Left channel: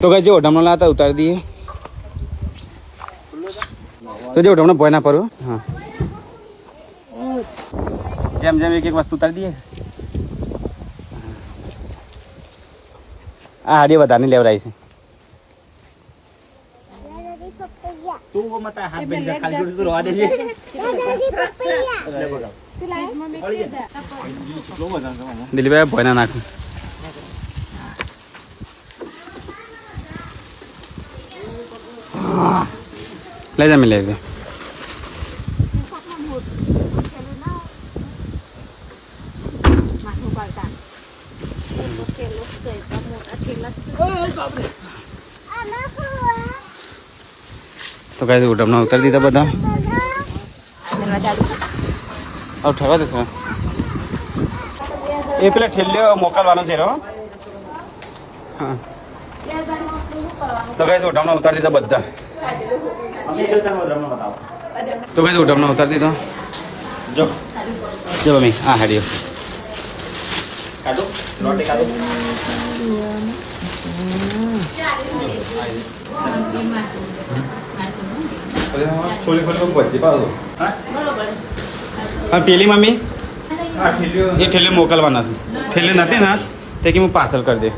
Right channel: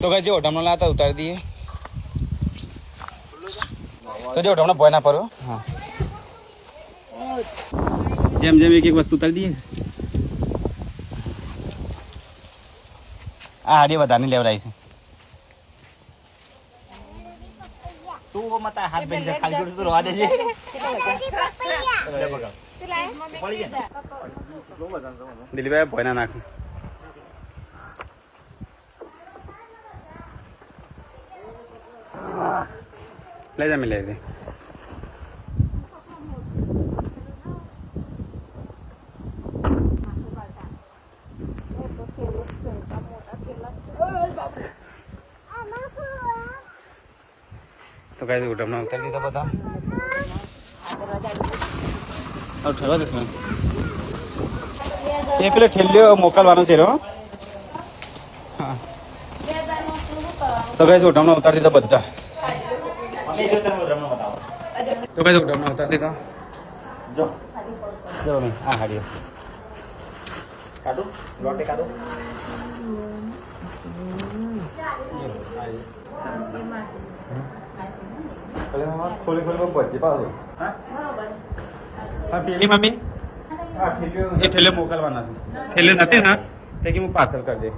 तो कहे जो ओढ़मना लाता उतार दिए तो जो ओढ़मना बोय ना पड़ो जेम जेम एक एक वस्तु उतार दिए हाड़ी बताने ले रहा है तू वो मत हाथ बेंच खाली कर तू रोवा दे ले दिलीप भाई बोय ना नाखो ले जा मिले जा तो कैसे उठना उतर दी था बता और ठहरा देखो ये पहले ठेलियो मौका वाला थे रो तो कैसे उठना उतर दी था बता तो कैसे उठना उतर दी था जो जब मैं हाँ हरियो रोटी खा दो खोले खोले को बच्चे पाओ हाँ पीली मम्मी ये ठेले मोकल बना ठेले नते ना ते कि मैं पार्सल कर दे